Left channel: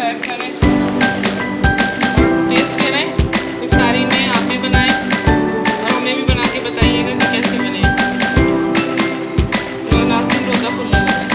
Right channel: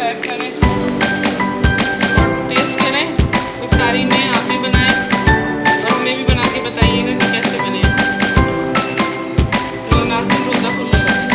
Subscribe करें और test करें। इफ्तारी में आप भी बनाएं और हमें भी बना के बताइएगा कि कैसे बने। तो नाज़रीन रोज़ा खुलने लगा।